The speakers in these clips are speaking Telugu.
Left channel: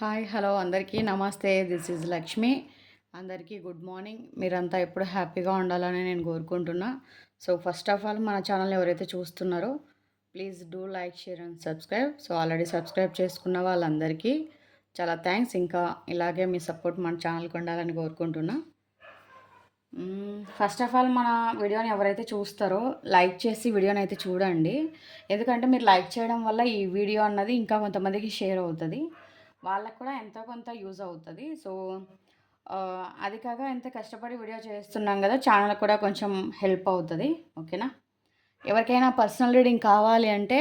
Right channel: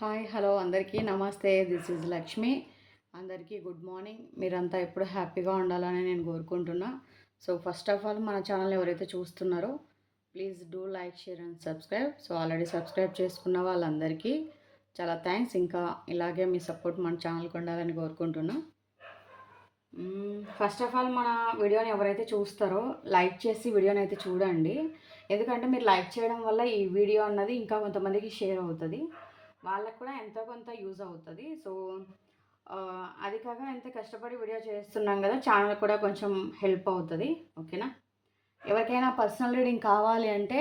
హాయ్ హలో అందరికీ నమస్తే. This is Lakshmi. అందరికీ గుడ్ మార్నింగ్. మీరంతా ఎప్పుడు హ్యాపీగా ఉండాలని నేను కోరుకుంటున్నా. సో ఫస్ట్ ఆఫ్ ఆల్ మన ఛానల్ ఎవరైతే చూస్తున్నారో please do like, share and subscribe. So already subscribe చేసుకున్న వాళ్ళందరికీ చాలా థ్యాంక్స్. ఇంకా ఇలాగే మీ సపోర్ట్ మన ఛానల్కి ఉండాలని కోరుకుంటున్నా. ఫస్ట్ ఆఫ్ ఆల్ మన వీడియోని ఎవరైతే చూస్తారో లైక్ చేసి వీడియోని అయితే చూడండి. ఎందుకంటే మీరు లైక్ చేయడం వల్ల ఈ వీడియో అన్నది ఇంకా కొంతమందికి షేర్ అవుతుంది, వాళ్ళకు కూడా ఎంతో కొంత యూజ్ అవుతుంది. సో అది కాక ఎంత కష్టపడి వీడియో చేస్తున్నాం కదా, ఛానల్ కూడా కొంచెం హెల్ప్ అవుతుంది. ఓకేనా? ఎవరికైనా పర్సనల్ రీడింగ్ కావాలి అంటే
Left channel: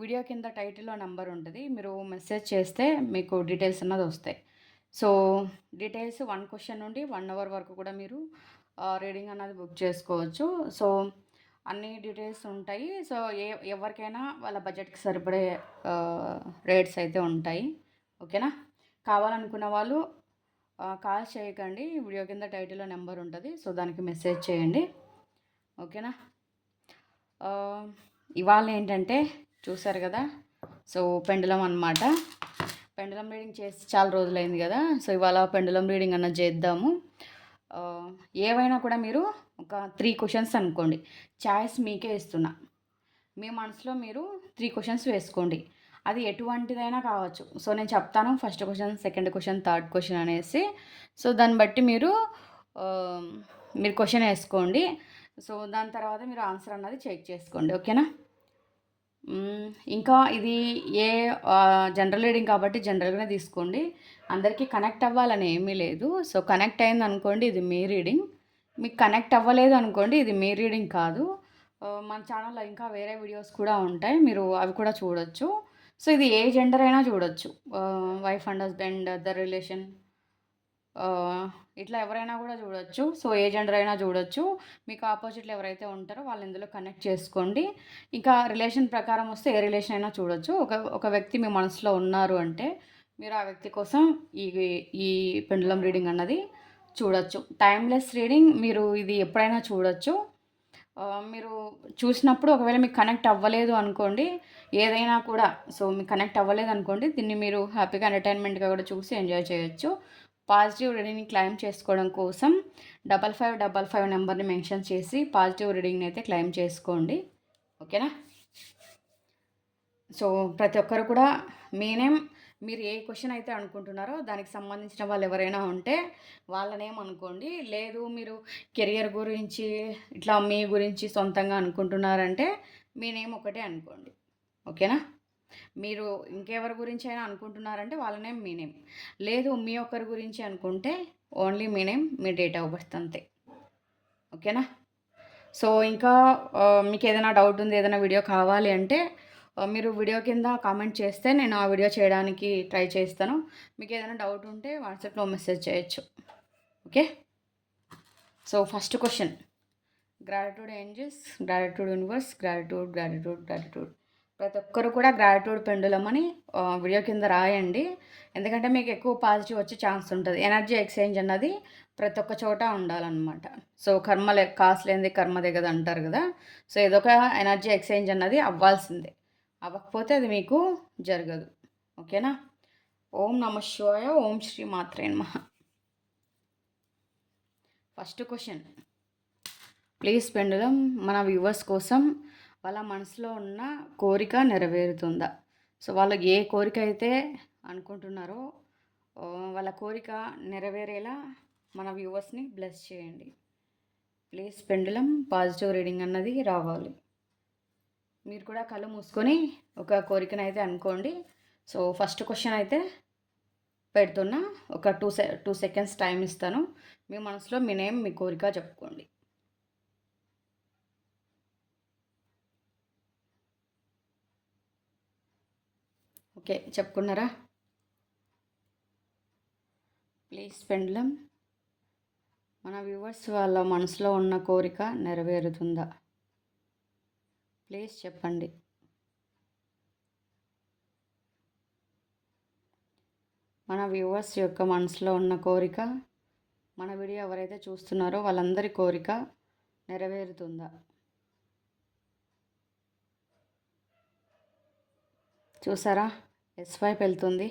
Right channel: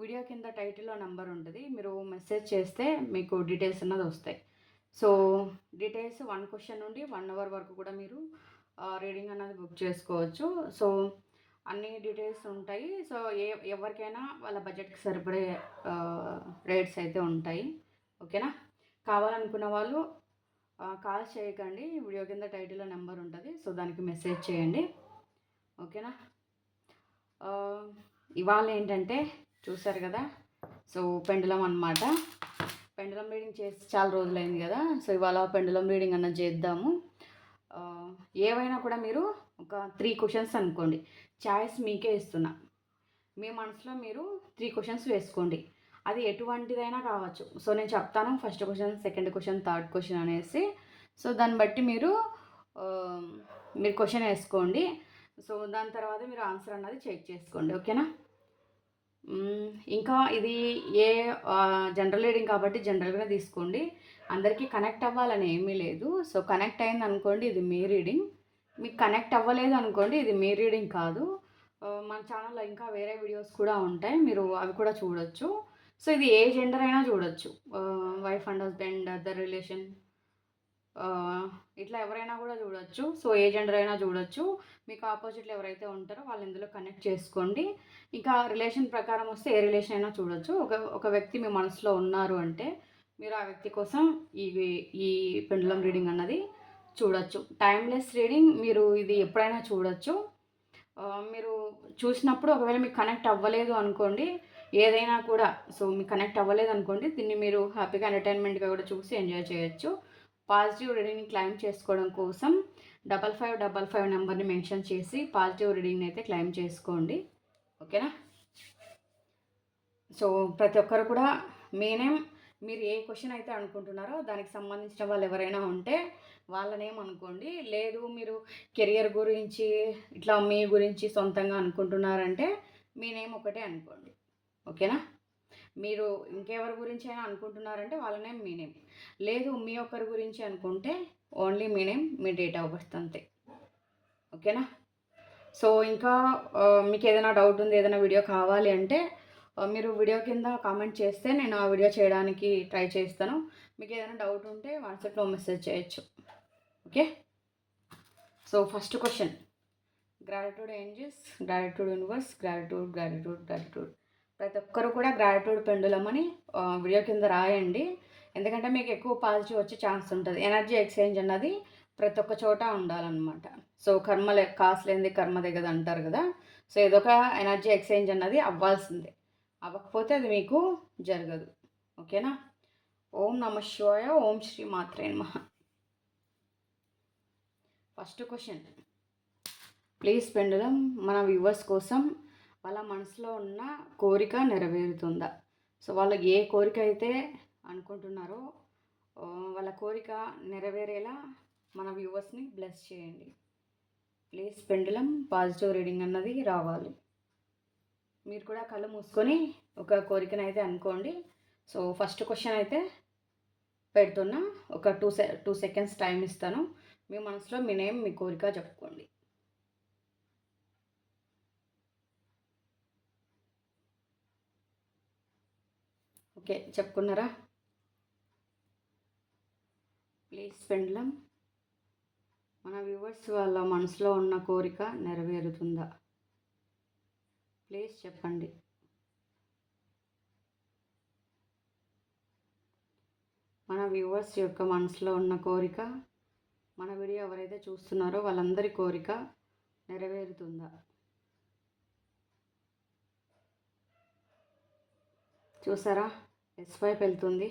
వీడియో కింద టైటిల్లో నెంబర్ ఉంటుంది, మీరు మెసేజ్ చేస్తే మీకు డీటెయిల్స్ అన్నది వస్తాయి. సో డీటెయిల్స్ 1 క్వశ్చన్ నుండి 1 అవర్ వరకు కూడా మీరు రీడింగ్ అన్నది బుక్ చేసుకోవచ్చు. సో అన్ని డీటెయిల్స్ ఉంటాయి. సో ఎవరికైనా వాళ్ళ బడ్జెట్కి సరిపడే రేట్స్ అయితే ఉంటాయి. ఓకేనా? కావాలనుకున్న వాళ్ళు కాల్ చేయకండి, వీడియో కింద టైటిల్లో నెంబర్ ఉంటుంది, సో దానికి మెసేజ్ చేయండి. ఓకేనా? ఇవాళ ఏంటంటే చూసారు కదా, సో పెండులం అనమాట. పెండులం రీడింగ్ చేసి చాలా రోజులైంది కదా, సో ఇవాళ పెండులం రీడింగ్ అన్నది చేద్దాము. ఏవైనా కూడా మీరు ఒక 3 క్వశ్చన్స్ అనుకోండి, ఛాయిస్ మీకే ఇస్తున్నా. మీ మనసులో మీరు 3 క్వశ్చన్స్ వేసుకోండి, అది ఎటువంటిదైనా కావచ్చు. సో నేను చెప్తాను, first question, second question, third question అనేసి. సో దాన్ని బట్టి మీరు క్వశ్చన్ వేసుకోండి. సో దాని తర్వాత మీరు ఆన్సర్ అన్నది చెక్ చేసుకోండి. ఓకేనా? ఇంకా ఇది జనరల్ రీడింగ్ కాబట్టి జనరల్గానే తీసుకోండి, అందరికీ కనెక్ట్ అవ్వాలని ఏమీ లేదు. సో కనెక్ట్ అయింది అనుకోండి, ఇది మీ రీడింగ్. మీకు కనెక్ట్ అవ్వలేదు అనుకోండి, ఇది మీ రీడింగ్ కాదు. మన ఛానల్లో ఇంకా వేరే వీడియోస్ కూడా ఉంటాయి, మీరు అవి కూడా చూడొచ్చు. సో ఇది ఏ జెండర్ అయినా చూడొచ్చు, wife and husband, other relation, ఇట్లా ఎవరైనా కూడా చూడొచ్చు. సో ఏ జెండర్ అయినా చూడొచ్చు. మీకు ఆపోజిట్లో ఎవరైతే ఉంటారో వాళ్ళు ఇందులో కనెక్ట్ చేసుకోండి. ఇంకా రిలేషన్ ప్రకారం వస్తే ఏ రిలేషన్ అయినా చూడొచ్చు. ఒక వ్యక్తి మీ మనసులో ఉన్నారు అంటే మీరు ఆ వ్యక్తి కోసం ఈ ఈ పెండులం రీడింగ్ అన్నది చూడొచ్చు. టైమ్లెస్ రీడింగ్, మీరు ఇది ఎప్పుడైనా చూడొచ్చు. మీరు చూసినప్పుడు ఒకవేళ మీకు కనెక్ట్ అవ్వలేదు అనుకోండి, ఏదైనా కూడా, సో మీకు కనెక్ట్ అవ్వలేదు అనుకోండి, దీన్ని మీరు హ్యాపీగా ఎంటర్టైన్మెంట్గా కూడా చూసి ఎంజాయ్ చేయొచ్చు. పాజిటివ్ రీడింగ్ని క్లెయిమ్ చేసుకోవడం కోసం 5555 నెంబర్ని మెన్షన్ చేసి పాజిటివ్ రీడింగ్ని అయితే క్లెయిమ్ చేసుకోండి. ఓకేనా? సో ప్రతి ఒక్కరు కూడా మీ నేమ్, మీరు ఏ క్వశ్చన్ అయితే అనుకుంటున్నారో దానికి సంబంధించిన వాళ్ళు ఎవరైనా ఉంటే వాళ్ళ నేమ్ అనుకోండి. లేదు మీరు కెరియర్ గురించి ఇట్లా మీ గురించి సొంతంగా అనుకుంటున్నారంటే మీ నేమ్ ఒకటే అనుకోండి. ఓకేనా? మీరు ఇంకెవరి గురించి అయినా అనుకుంటున్నారంటే వాళ్ళ నేమ్, మీ నేమ్. లేదు మీ ఒక్కరి గురించి అనుకుంటే only me name, me date of birth అంతే. ఓకేనా? సో ఇంకా మీకు ఏదైనా డౌట్ ఉంది, ఏదైనా వీడియో కావాలి అంటే మీరు వీడియో కింద కామెంట్ చేస్తే నేను ఆ వీడియో చేయడానికి ట్రై చేస్తాను. మీకు ఏదైనా డౌట్ ఉంటే వాట్సాప్లో మెసేజ్ చేయొచ్చు. Okay? So first question, gratitude angels, gratitude universe, gratitude gratitude gratitude. ప్రతి ఒక్కరు కూడా గ్రాటిట్యూడ్ పెండులం అని వీడియో కింద రాయండి, ఎందుకంటే మీకు ఎక్కువ పాజిటివ్ వచ్చే ఛాన్స్ ఉంటుంది. ఎనర్జీ ఎక్స్చేంజ్ అన్నది ప్రతి ఒక్క చోట ఉండాలన్నమాట. సో కాసులేంది కర్మ దిగదు అంటారు కదా, సో ఏదో ఒక ఎనర్జీ ఎక్స్చేంజ్ అన్నది అవ్వాల్సిందే, అవ్వకపోతే అది మీకు జరగదు. ఓకేనా? ఓం నమ శివాయ, ఓం శ్రీ మాత్రే నమః. ఫస్ట్ క్వశ్చన్, ప్లీజ్ పెండులం మన వ్యూవర్స్ కోసం వాళ్ళ మనసులో ఉన్న కోరిక నెరవేరుతుందా? సో వాళ్ళు ఏ కోరిక అయితే అనుకుంటున్నారో వాళ్ళ కోరిక నెరవేరేలా మన వ్యూవర్స్ని బ్లెస్ చేయండి. ప్లీజ్ పెండులం పాజిటివ్ రీడింగ్ అన్నది రావాలి. మీరు కూడా కళ్ళు మూసుకొని ఒక కోరికను అయితే అనుకోండి. సో ఫస్ట్ క్వశ్చన్ అయితే పెడుతున్నా, ఒక 2 సెకండ్స్ టైం ఇస్తాను. మీ మనసులో మీ నేమ్, మీ కోరిక చెప్పుకోండి. ఓకే, చెప్పుకున్నారా? ప్లీజ్ పెండులం మన వ్యూవర్స్ వాళ్ళ మనసులో ఉన్న కోరిక నెరవేరుతుందా? ప్లీజ్ చెప్పండి. మన వ్యూవర్స్ యొక్క మనసులో ఉన్న కోరిక, మన వీడియో ఎవరైతే చూస్తున్నారో వాళ్ళందరి కోరిక నెరవేరుతుందా? చూసారా? ఎస్ వైపు వెళ్తుంది.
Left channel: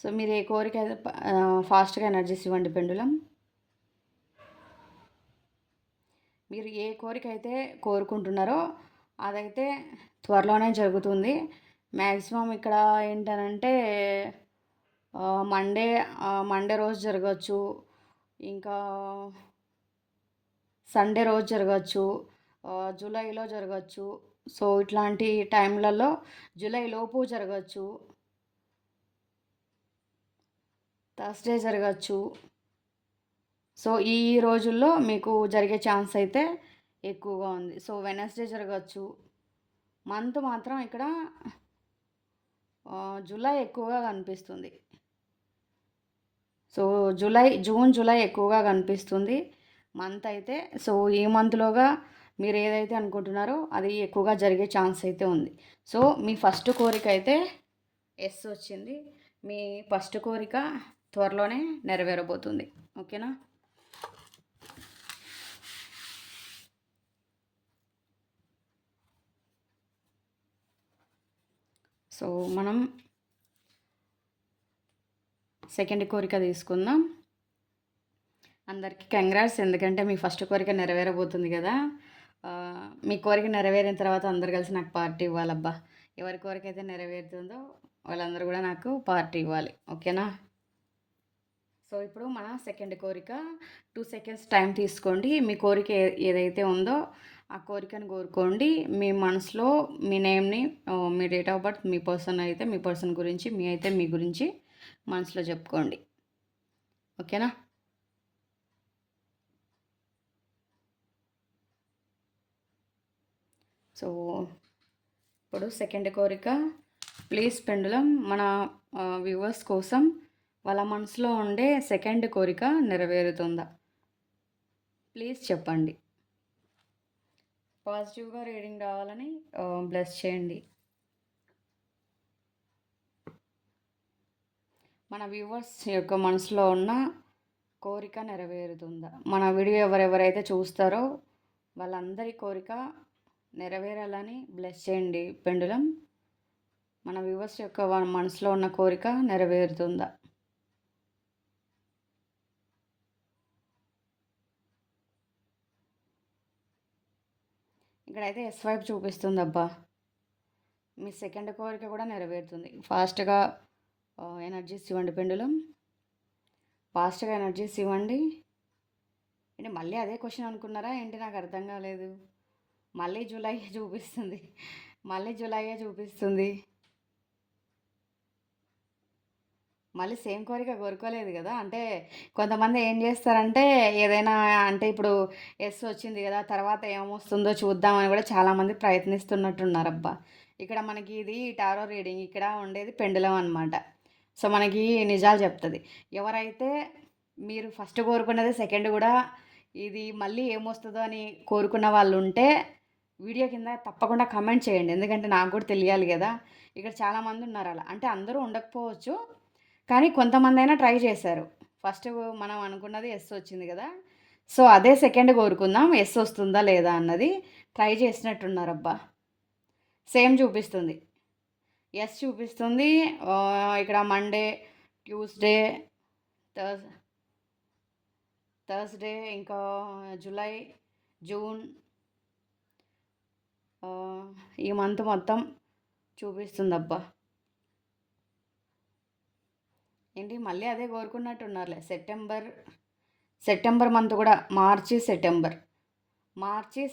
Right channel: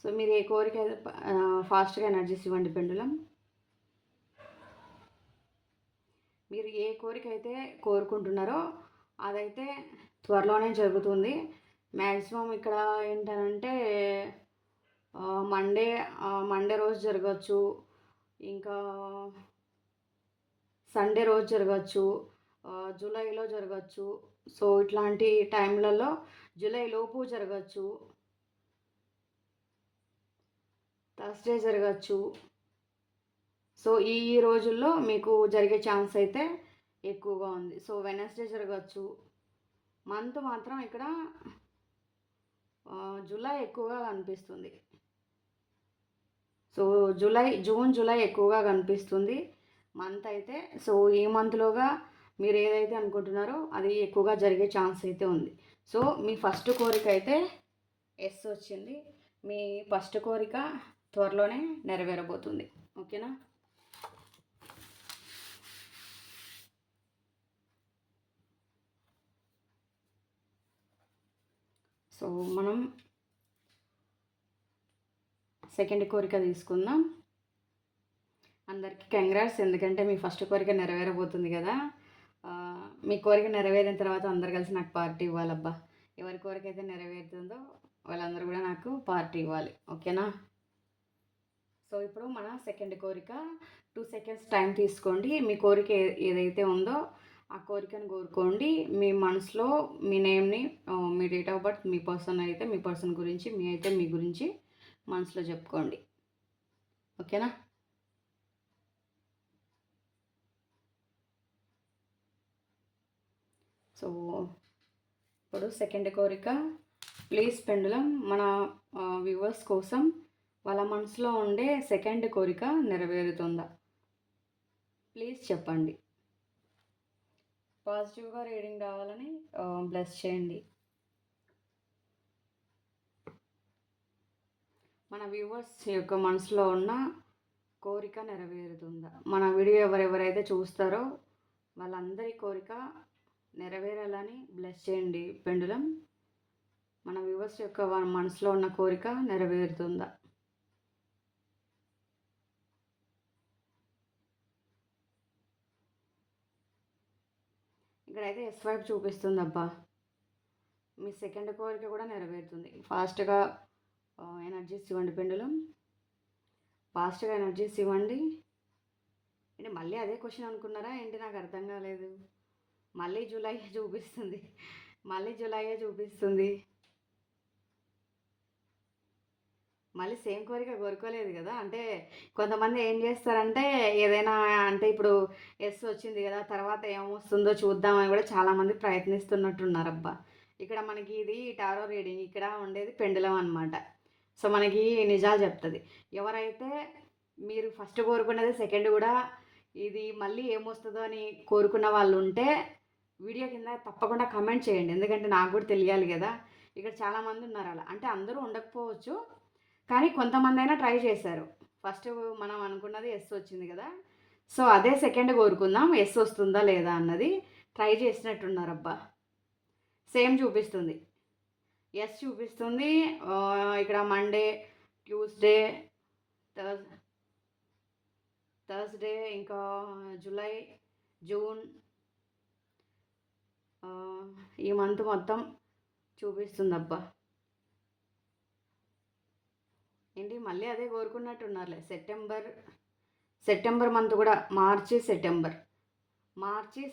సో మీరు ఏ కోరిక అయితే ఫాస్ట్గా ఎనర్జీస్ ఇవ్వండి పెండులం. మీరు ఏ కోరిక అయితే కోరుకుంటున్నారో అదైతే త్వరలోనే జరుగుతుంది. మ్యాక్సిమం ఇక్కడ ఏంటనంటే మండే మండే రోజు జరగచ్చు, ఇంకా సండే రోజు జరగచ్చు, జూలైలో జరగచ్చు. సో ఇట్లాంటి టైంలలో జూలై లోపు జరగచ్చు, థర్స్డే జరగచ్చు. సో ఈ రోజుల్లో మీకు జరిగే ఛాన్స్ అయితే ఎక్కువగా ఉంది. సో వెనస్డే జరగచ్చు. మంత్ మాత్రం ఇక్కడ జూలై ఎక్కువగా కనిపిస్తుంది. సో జూన్ జూలై ఎక్కువగా కనిపిస్తుంది మంత్ అయితే. సో ఈ మంత్లోగా మీరు ఏదైతే అనుకుంటున్నారో అది ఎక్కువగా జరిగే ఛాన్స్ అయితే ఉంది. సో మీ ఫస్ట్ కోరిక అయితే ఎస్ వచ్చింది. మీ ఫస్ట్ కోరిక త్వరలోనే నెరవేరబోతుంది. ఓకేనా? సో మనం సెకండ్ కోరిక తీసుకుందాం. అందరికీ కంగ్రాట్స్, ఎందుకంటే మీ ఫస్ట్ కోరిక నెరవేరబోతుంది కదా. మీ కోరిక నెరవేరిన తర్వాత అందరు కలిసి నాకు పార్టీ ఇవ్వాలబ్బా. ఎవరి కోరిక అయితే నెరవేరుతుందో వాళ్ళందరూ కూడా నాకు పార్టీ ఇవ్వాలి. ఓకేనా? సో ఇప్పుడు మన సెకండ్ కోరిక 2 సెకండ్స్ టైం తీసుకోండి. మీ కోరిక ఏదైతే ఉందో ఆ కోరికను కోరుకోండి. మీ మనసులో మీ నేమ్ని, మీ డేట్ ఆఫ్ బర్త్, మీ పర్సన్ అయితే మీ పర్సన్ గురించి, మీ అయితే మీ గురించి మనసులో చెప్పుకోండి. ఓకేనా? సో ఇప్పుడు సెకండ్ కోరిక, ప్లీజ్ పెండులం మన వ్యూవర్స్ కోసం వాళ్ళ మనసులో ఉండే సెకండ్ కోరిక నెరవేరుతుందా? ప్లీజ్ చెప్పండి. పాజిటివ్గా రీడింగ్ రావాలని బ్లెస్ చేయండి. మన వ్యూవర్స్ యొక్క మనసులో ఉన్న కోరిక నెరవేరుతుందా? మన వీడియో ఎవరెవరైతే చూస్తారో వాళ్ళందరి కోరిక నెరవేరాలని బ్లెస్ చేయండి పెండులం. మన వ్యూవర్స్ యొక్క మనసులో ఉన్న కోరిక నెరవేరుతుందా? ఇక్కడైతే ఎస్ వైపు చూపిస్తుంది అబ్బా. మీ సెకండ్ కోరిక కూడా నెరవేరుతుంది. ఫాస్ట్గా ఎనర్జీస్ ఇవ్వండి పెండులం. ఫాస్ట్గా ఎనర్జీస్ ఇవ్వండి. అంటే మళ్ళీ అదే క్వశ్చన్ అనుకున్నారా ఏంటి? నాకు అర్థం కాలేదు. మళ్ళీ జూలై చూపిస్తుంది, మళ్ళీ జూలైయే చూపిస్తుంది. మళ్ళీ సేమ్ కోరిక కోరుకోలేదు కదా. అంటే కొంతమంది ఏం చేస్తారంటే ఏదైనా అంటే ఇప్పుడు ఎస్ వచ్చింది కదా, తర్వాత ఏమొస్తుందో చూద్దామని కూడా చాలామంది ప్రయత్నిస్తున్నట్టున్నారబ్బా. ఇక్కడ మనకి ఇది టారో రీడింగ్, ఇక్కడ ఉండేది పెండులం అనమాట. సో మనకి నిజాలు చెప్తుంది. ఎవరైతే మీరు ఫస్ట్ కోరుకున్నది సెకండ్ కూడా ఇది మళ్ళీ ఏమొస్తుందో అని కోరుకున్న వాళ్ళు ఉంటే వీడియో కింద తప్పకుండా కమెంట్ చేయండి, ఎందుకంటే నాకు కూడా తెలియాలి కదా. ఇక్కడ చాలామంది ఉన్నారు అలా, అంటే అందరూ ఉండకపోవచ్చు కానీ కొంతమంది అయినా ట్రై చేశారు. ఫస్ట్ మనం అనుకున్నది ఎస్ వచ్చింది కదా, సో అదే సెకండ్ కోరుకుందాం ఎస్ వస్తుందా లేదా అన్నది ట్రై చేసినట్టున్నారబ్బా. సేమ్ చూపిస్తుంది, ఎస్ చూపిస్తుంది. ఇక్కడ మండే, ట్యూస్డే, థర్స్డే, ఇంకా జూలై, జూన్, ఈ మంత్ మొత్తం చూపిస్తుందబ్బా. ఏంటి మళ్ళీ అదే కోరుకున్నట్టున్నారులే. సెప్టెంబర్ మంత్ కూడా, మార్చి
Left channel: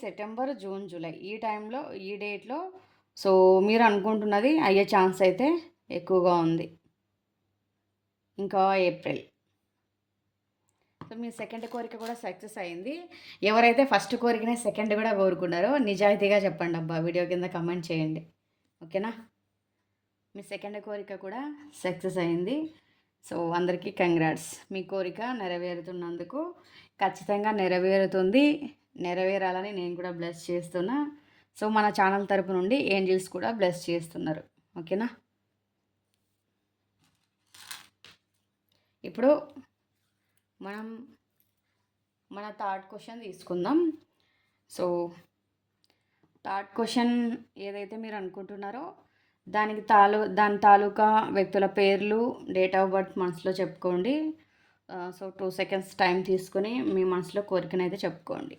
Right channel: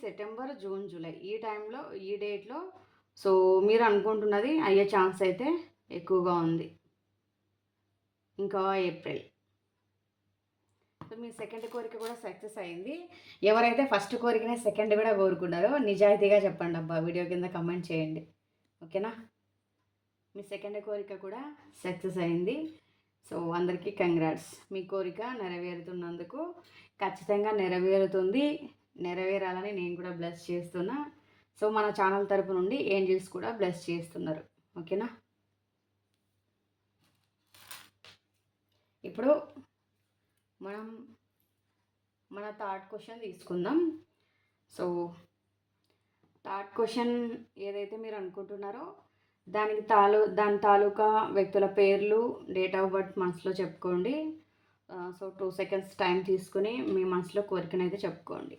సెప్టెంబర్, జూన్, జూలై ఈ టైంలో, ఈ డేట్లో సో మీరు అనుకుంటున్నది అయ్యే ఛాన్స్ అయితే ఎక్కువగా ఉంది. ఇంకా ఏప్రిల్. సో మీ సెకండ్ కోరిక కూడా సక్సెస్ అయింది. ఎవరైతే ఫస్ట్ కోరికనే సెకండ్ కూడా కోరుకున్నారో నిజాయితీగా చెప్పండి అబ్బా, వీడియో కింద కమెంట్ చేయండి. ఓకేనా? మీ సెకండ్ కోరిక కూడా సక్సెస్ అయింది. సో అందరికీ కంగ్రాట్స్. మీ కోరిక నెరవేరుతున్నందుకు ఖచ్చితంగా నెరవేరుతుంది. నెరవేరాలని నేను కూడా బ్లెస్ చేస్తున్నా. సో మన ఛానల్ తరపు నుండి ఏంజిల్స్ కూడా బ్లెస్ చేస్తున్నారు. ఓకేనా? ఇప్పుడు మనం మన థర్డ్ క్వశ్చన్ తీసుకుందాం. సో థర్డ్ క్వశ్చన్ ఏదైతే మీరు అనుకుంటున్నారో దాని తాలూకా వ్యక్తుల పేర్లు, డేట్ ఆఫ్ బర్త్ మనసులో చెప్పుకోండి. సో 2 సెకండ్స్ టైం తీసుకొని మీ మనసులో కోరికనైతే చెప్పుకోండి.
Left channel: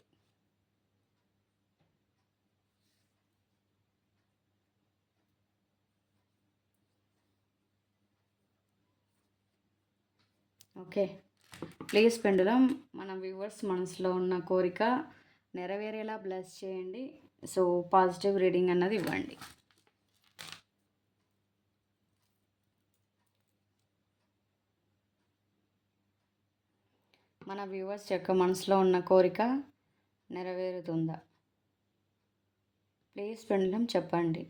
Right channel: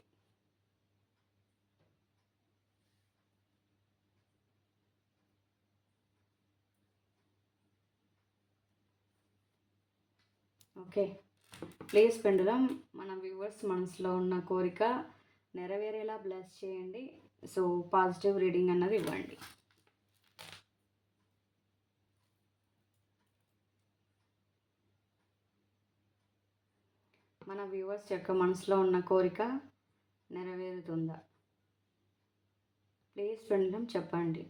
ఓకే. ప్లీజ్ పెండులం మన వ్యూవర్స్ మనసులో ఉన్న కోరిక నెరవేరేలా బ్లెస్ చేయండి. సో పాజిటివ్ రీడింగ్ అన్నది ఇవ్వండి. మన వ్యూవర్స్ యొక్క మనసులో ఉన్న కోరిక నెరవేరుతుందా? ప్లీజ్ పెండులం చెప్పండి.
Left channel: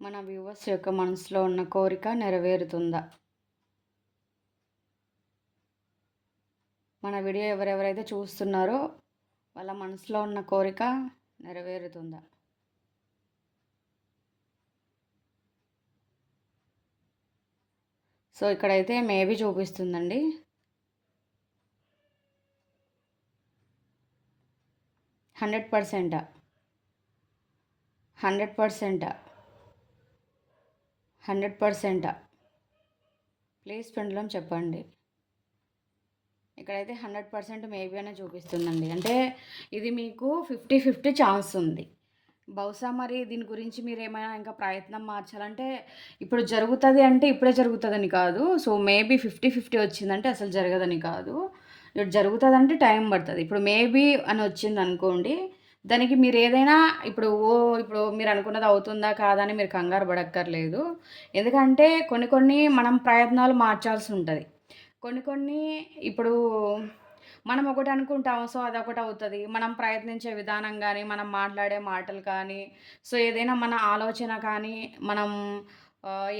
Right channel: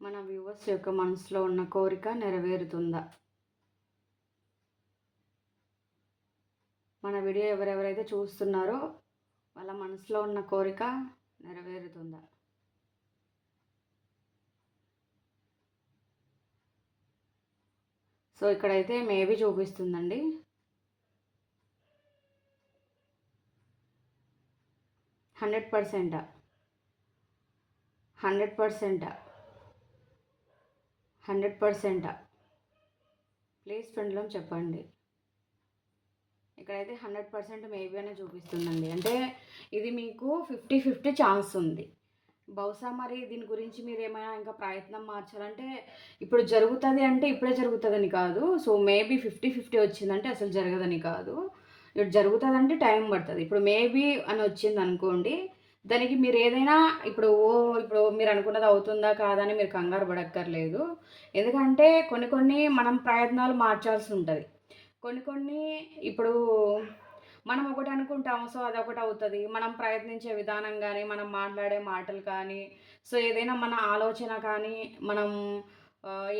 మన వ్యూవర్స్ యొక్క మనసులో ఉన్న కోరిక నెరవేరుతుందా? మన వీడియో ఎవరెవరైతే చూస్తున్నారో వాళ్ళ మనసులో ఉన్న కోరిక నెరవేరుతుందా? సో ఇక్కడైతే మేబీ చూపిస్తుందండి. 100%. 100%. 100%. ప్లీజ్ పెండులం చెప్పండి. ఇక్కడైతే 100% మేబీ అనే చూపిస్తుందండి. అంటే ఇది మీకు 50-50 ఛాన్స్ ఉంది. బహుశా మరి దీని గురించి మీరు ఏమైనా ఇంకా ప్రయత్నం మార్చాలంటే ఇప్పుడు జరుగుతుంది అంటే ఇప్పుడే జరుగుతుందని కాదు. సో మేబీ 50-50 వచ్చిందంటే అసలు జరగదని కాదు. ఇప్పుడు జరుగుతుందంటే టైం పడుతుంది. ఇప్పుడు మేబీ అని వచ్చింది అనుకోండి, దానికి మీరు ఏదైనా ఇప్పుడు మీరు అనుకున్నది అవుతుందా కాదా అని మీరు కంగారు పడక్కర్లేదు. ఎందుకంటే కొన్ని మనం ప్రయత్నాలు మార్చాల్సి ఉంటుంది. కొన్ని ఇప్పుడు మనం ఒకటి అనుకుంటాము. సో అదొకటి అవుతుంది. మనం ప్రయత్నించే విధానం కానీ, మనం మాట్లాడే మాటలు కానీ, సో ఏదైనా మన ఆలోచన కానీ, మనం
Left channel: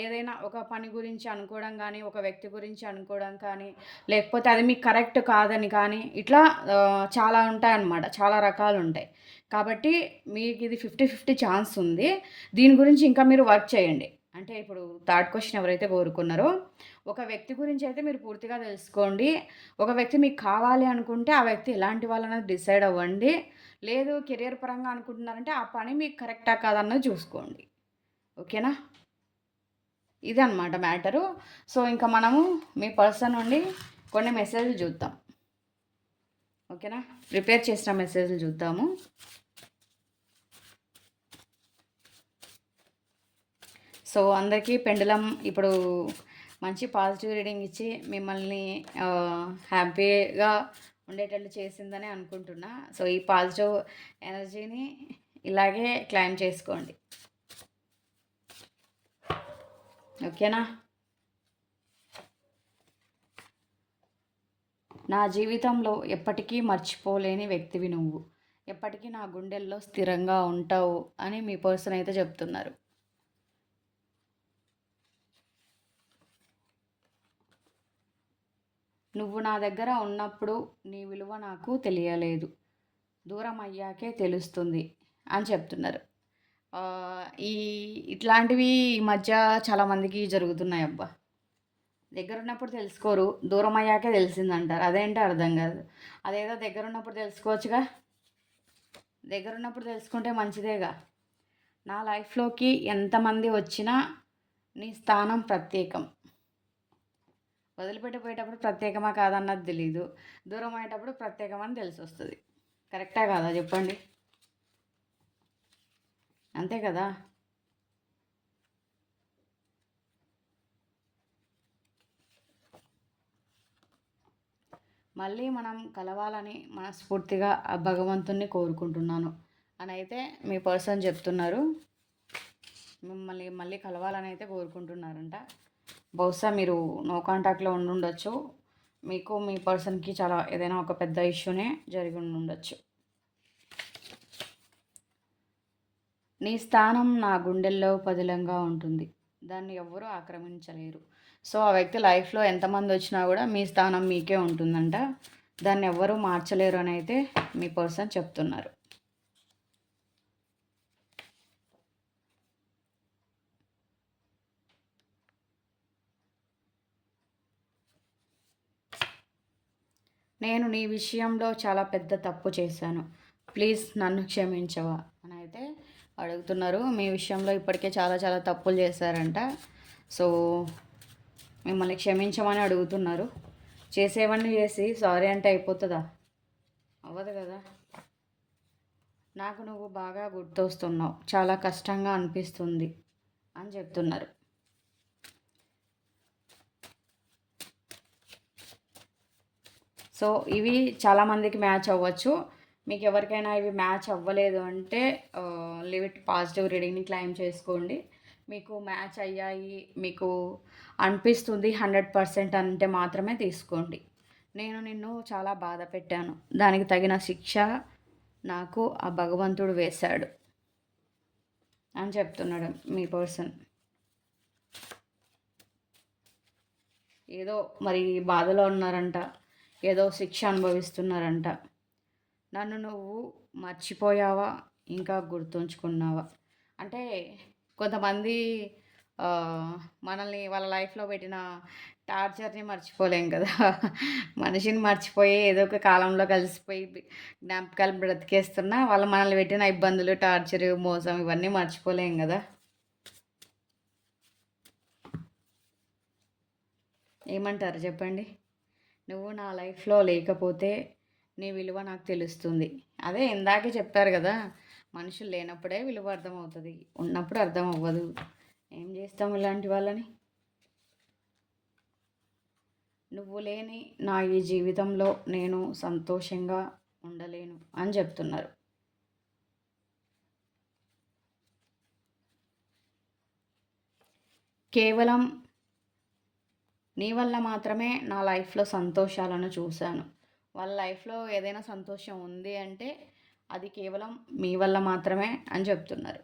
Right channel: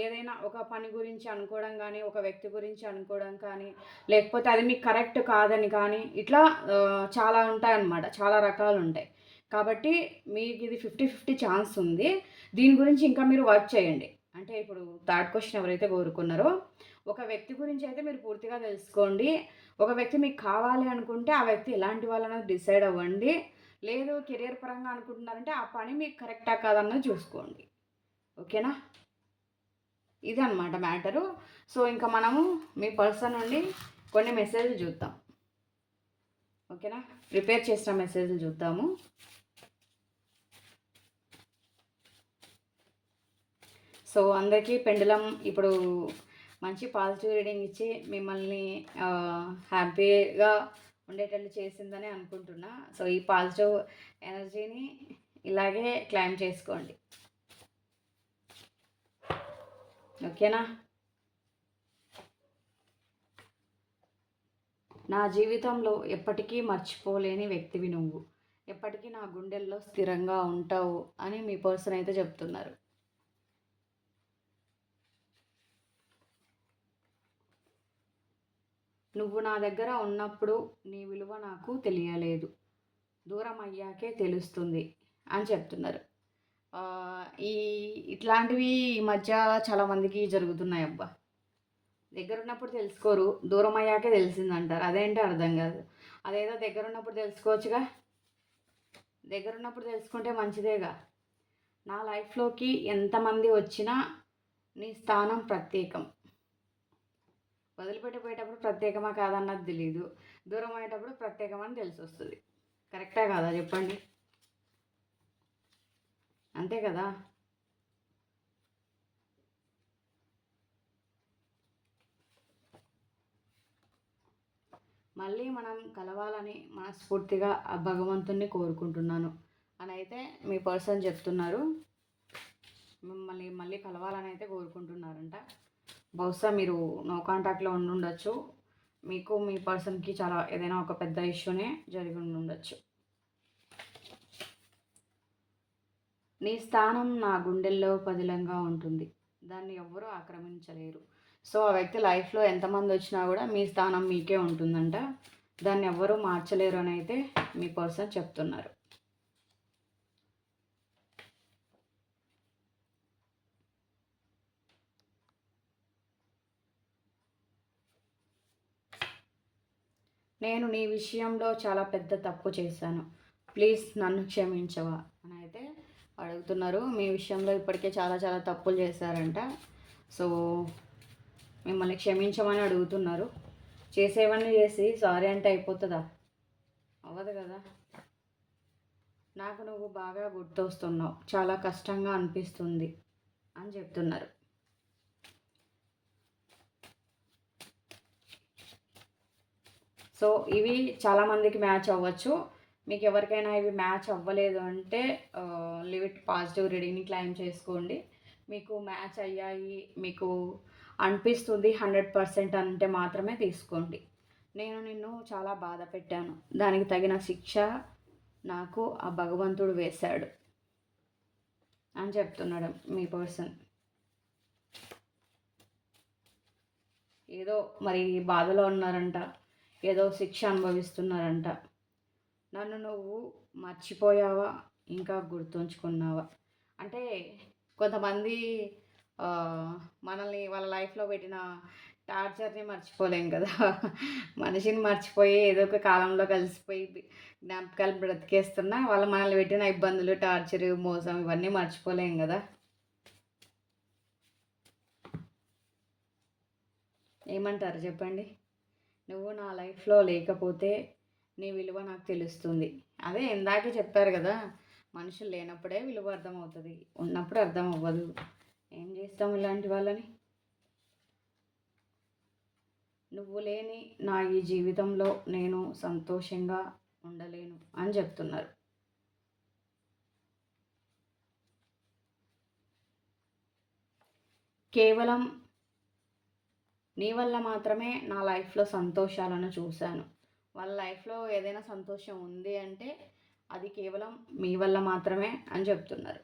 ఏదైనా ఒక పని గురించి అనుకోవడం కానీ, ఒక వ్యక్తి గురించి అనుకోవడం కానీ, లేకపోతే అది మీకు కరెక్ట్ కాదని కానీ, ఇట్లా చాలా ఉంటాయన్నమాట. చాలా రకాలు ఉంటాయి. కాబట్టి మీకు ఇది 50-50 ఛాన్స్ ఉంది. దీని గురించి ఇంకా మీరు వర్క్ చేయండి. అంటే ఇప్పుడు థర్డ్ క్వశ్చన్ ఎవరైతే కోరుకున్నారో ఒక వ్యక్తి గురించి అయితే మీరు పూర్తిగా తెలుసుకోండి. ఒక వ్యక్తి మీకు కావాలి అనుకుంటే ఆ వ్యక్తి ఎలాంటి వాళ్ళనేది డిసైడ్ అవ్వండి. లేదు కెరియర్ పరంగా అనుకుంటున్నారంటే ఆ పని మీకు కరెక్టా కాదన్నది చూసుకోండి. ఓకేనా? ఇదన్నమాట మ్యాటరు. సో ఇంకా మనము మీ పర్సన్ నుండి కొన్ని మెసేజ్లు చూద్దాం. ఓకేనా? ప్రిపేర్ చేసిన మెసేజ్లు చూద్దాము. సో అందరికీ పెండులం ఇప్పుడు మంచి పాజిటివ్ రీడింగ్ ఇచ్చి మిమ్మల్ని హ్యాపీగా ఉండేటట్టు చేసిందని అనుకుంటున్నా. సో ఈ పాజిటివ్ ఎనర్జీని ఇలాగే క్లైమ్ చేసుకోండి. ఓకేనా? నా జీవితంలో ఎప్పటికీ మర్చిపోలేని వ్యక్తివి నువ్వు, ఎప్పటికీ నా గుండెల్లో స్థిరంగా ఉంటావు అని మీ పర్సన్ అయితే చెప్తున్నారు. నువ్వు నా దగ్గర ఉన్నప్పుడు నీ విలువ నాకు తెలియలేదు, దూరం అయ్యాకే తెలుస్తుంది అని చెప్తున్నారు. ఇట్లాంటివి ఈ మధ్య చాలామందికి జరుగుతున్నాయి అబ్బా. దగ్గర ఉన్నప్పుడు తెలుసుకోరు, దూరం అయ్యాకే తెలిసిందంటారు. అదేంటో అర్థం కాదు. అదేదో దగ్గర ఉన్నప్పుడు తెలుసుకోవచ్చుగా. దగ్గర ఉన్నప్పుడు తెలుసుకుంటే మంచిదేగా. నా లైఫ్లోకి ఎంతమంది వచ్చినా నీ స్థానం ప్రత్యేకం. వదిలిపెట్టిపోయేటప్పుడు ప్రత్యేకమా కాదన్నది తెలీదు, దూరం అయ్యేటప్పుడు ప్రత్యేకమని తెలిసి వస్తుంది. కరెక్టా కాదా చెప్పండి? అంతే కదా. మళ్ళీ మనం కలవాలని మనస్ఫూర్తిగా ఆ భగవంతుణ్ణి కోరుకుంటున్నాను అని అయితే మీ పర్సన్ చెప్తున్నారు. మిమ్మల్ని మళ్ళీ కలవాలని అయితే కోరుకుంటున్నారంట. బహుశా మీరు నో కాంటాక్ట్లో ఉండుండొచ్చు. మీకు మీ పర్సన్కి చాలా ఏదైనా ఒక పెద్ద ఇష్యూనే జరిగి ఉండొచ్చు. నీ స్థానం నా గుండెల్లో పదిలంగా ఉంటుంది, దాన్ని ఎవ్వరూ ఆక్రమించలేరు. సో ఆ వ్యక్తి లైఫ్లో ఎంతమంది వచ్చినా కూడా మీ స్థానం మీకే ఉంటుందంట. దాన్ని ఎవ్వరూ మార్చలేరు అని అయితే మీ పర్సన్ చెప్తున్నారు. నేను నీ విషయంలో చాలా పెద్ద తప్పు చేశాను. ప్లీజ్ నన్ను క్షమించవా అని అయితే అడుగుతున్నారు. మీ విషయంలో ఇప్పటికే చాలా చాలా తప్పులు చేశారంట. సో మిమ్మల్ని క్షమించమని అడుగుతున్నారు. చేసేవన్నీ చేసి సారీ అంటే అయిపోతుందా? అవ్వదు కదా. నాకు నువ్వు బాగా గుర్తొస్తున్నావు, చాలా కష్టంగా అనిపిస్తుంది అని చెప్తున్నారు. సో ఇవి చాలామందికి మ్యాచ్ అవ్వచ్చు. మీకు ఎవరికైనా ఇవి మ్యాచ్ అవ్వలేదు అంటే లివ్ ఇట్ పాజిటివ్ రీడింగ్ని క్లైమ్ చేసుకోండి. మీకు మ్యాచ్ అయ్యాయి, మీకు అనిపిస్తుంది 100% అంటే మాత్రమే తీసుకోండి. నేను నిన్ను చాలా బాధ పెట్టాను, దానికి తగిన శిక్ష నాకు ఆ భగవంతుడు వేశాడు అని చెప్తున్నాడు మీ పర్సన్. ఏదో మరి బాధలో ఉన్నారంట, ఏదో శిక్ష అనుభవిస్తున్నారంట. నన్ను నువ్వు మర్చిపోయావా, ఇంకా గుర్తుంచుకున్నావా? అంటే కొంతమంది మనల్ని వాళ్ళ లైఫ్లో పెట్టిన టార్చర్ని మర్చిపోలేం కదా. మనిషిని మర్చిపోయి ఏదో ఒక కాలంలో కలిసిపోయి జ్ఞాపకాలు బ్రతికేస్తున్నా వాళ్ళు మనల్ని పెట్టిన ఇబ్బందులు, టార్చర్, మోసం ఇవన్నీ మర్చిపోలేం కదా. ఏమంటారు చెప్పండి? నువ్వు నా లైఫ్లో లేకపోతే నీ విలువ నాకు తెలుస్తుంది. అదే ఇందాకే చెప్పారు కదా, మనుషులు లేనప్పుడే విలువ అర్థమవుతుంది, ఉన్నప్పుడు అర్థం అవ్వదు. ఏం చేస్తాం ఇలాంటి వాళ్ళని? నువ్వు లేని నా ఈ జీవితంలో నేను సంతోషంగా ఉండలేను అని చెప్తున్నారు. కేవలం నీ వల్ల మాత్రమే నా లైఫ్లో సంతోషాలను చూశాను. వాళ్ళ లైఫ్లో ఏదైనా సంతోషం ఉంది అంటే అది కేవలం మీ వల్ల మాత్రమే అని చెప్తున్నారు.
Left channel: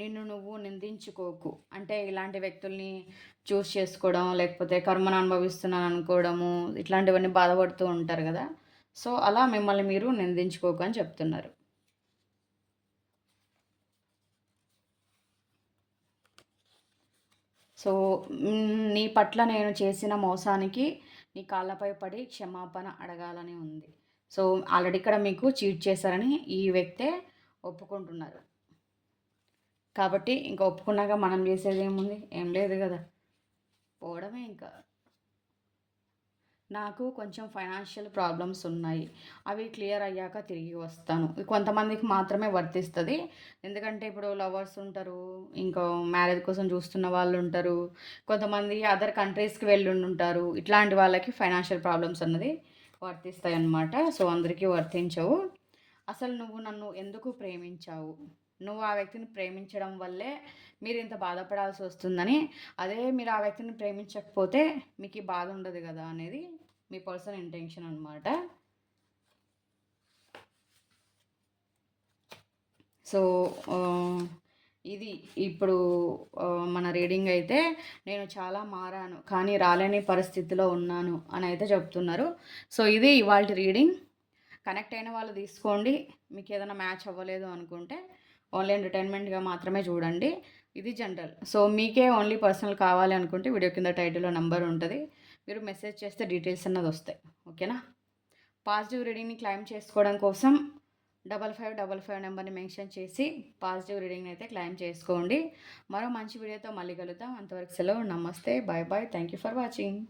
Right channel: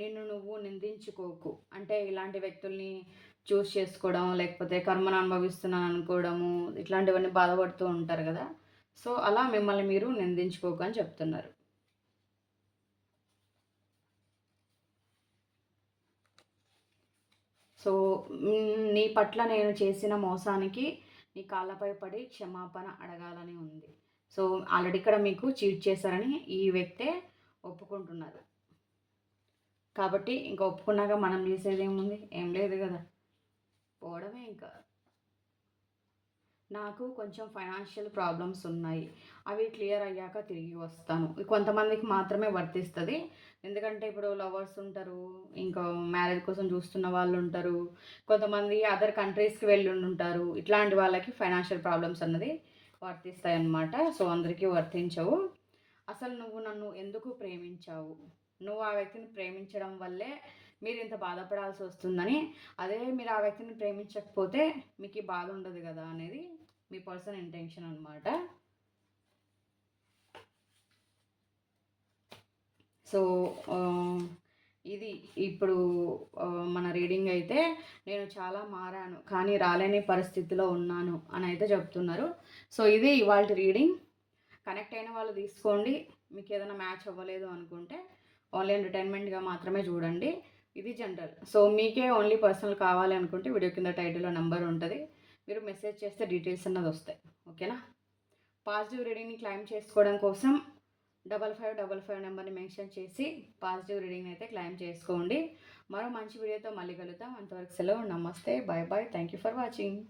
నిన్ను నువ్వు నిందించుకోకు. అంటే ఇలాంటి వ్యక్తుల్ని చూస్ చేసుకోవడం, లేకపోతే కర్మను అనుభవిస్తున్నాను అనుకోవడము, ఇట్లాంటివన్నీ బాధపడుతూ ఉంటారు కదా. సో అలా మిమ్మల్ని మీరు నిందించుకోకు అని చెప్తున్నారు. సో నీ పట్ల నేను చేసిన మోసానికి నీ కాళ్ళపై పడి క్షమాపణ అడగాలని ఉంది. సో ఆల్రెడీ ఇక్కడ మీకు చీట్ చేశారని ఈ వ్యక్తే ఒప్పుకుంటున్నారు. కాబట్టి ఇంకా ఒప్పుకున్నాక మనం చేసేది ఏముంది? ఏం లేదు కదా, పోవడమే ఇంకా. నాకు కొంచెం ఫైనాన్షియల్ ప్రాబ్లమ్స్ ఉన్నాయి, అవి క్లియర్ అయ్యాక తిరిగి వస్తాను. కొంతమందికి మాత్రమే వర్తిస్తుంది. ఎందుకంటే ఇప్పుడు లవర్స్ ఉంటారు, ఇంకా మ్యారేజ్ కోసం చూస్తున్న వాళ్ళు ఉంటారు, కొంతమంది అదర్ కంట్రీస్కి వెళ్ళి ఉంటారు. ఇట్లాంటి వాళ్ళకి ఫైనాన్షియల్ ప్రాబ్లమ్స్ అన్నది వర్తిస్తాయి అన్నమాట. సో అందరికీ వర్తించవు. అసలు నువ్వు నన్ను ఎందుకు ప్రేమించావు? నువ్వు ఆ వ్యక్తిని ప్రేమించడం వల్లే మీరు ఇంత బాధపడాల్సి వస్తుందని, అదే మీరు ఆ వ్యక్తిని ప్రేమించకపోతే మీకు ఈ బాధ ఉండదు కదా అనేది మీ పర్సన్ ఇంటెన్షన్ అనమాట. సో ఇది ఇప్పుడు మన రీడింగ్ అయితే నేను చాలా మారాను కానీ రాలేని పరిస్థితిలో ఉన్నాను అని అయితే చెప్తున్నారు. సో ఇది ఇవాళ రీడింగ్. కనెక్ట్ అయిన వాళ్ళు తీసుకోండి. మీకు ఏదైనా మ్యాచ్ అవ్వలేదు అనుకుంటే ఓన్లీ ఎంటర్టైన్మెంట్గా మాత్రమే చూడండి. ఇది జనరల్. సో మీకే ఓన్లీ పర్సనల్ కావాలి అనుకుంటే వీడియో కింద టైటిల్లో నెంబర్ ఉంటుంది, మీరు మెసేజ్ చేస్తే డీటెయిల్స్ అన్నది వస్తాయి. ఓకేనా? పాజిటివ్ రీడింగ్ని క్లైమ్ చేసుకోవడం కోసం 5555 నెంబర్ని మెన్షన్ చేసి పాజిటివ్ రీడింగ్ని అయితే క్లైమ్ చేసుకోండి. మరో మంచి వీడియోతో మళ్ళీ కలుద్దాం. అంతవరకు సెలవు. నమస్తే, bye bye. Thank you for watching.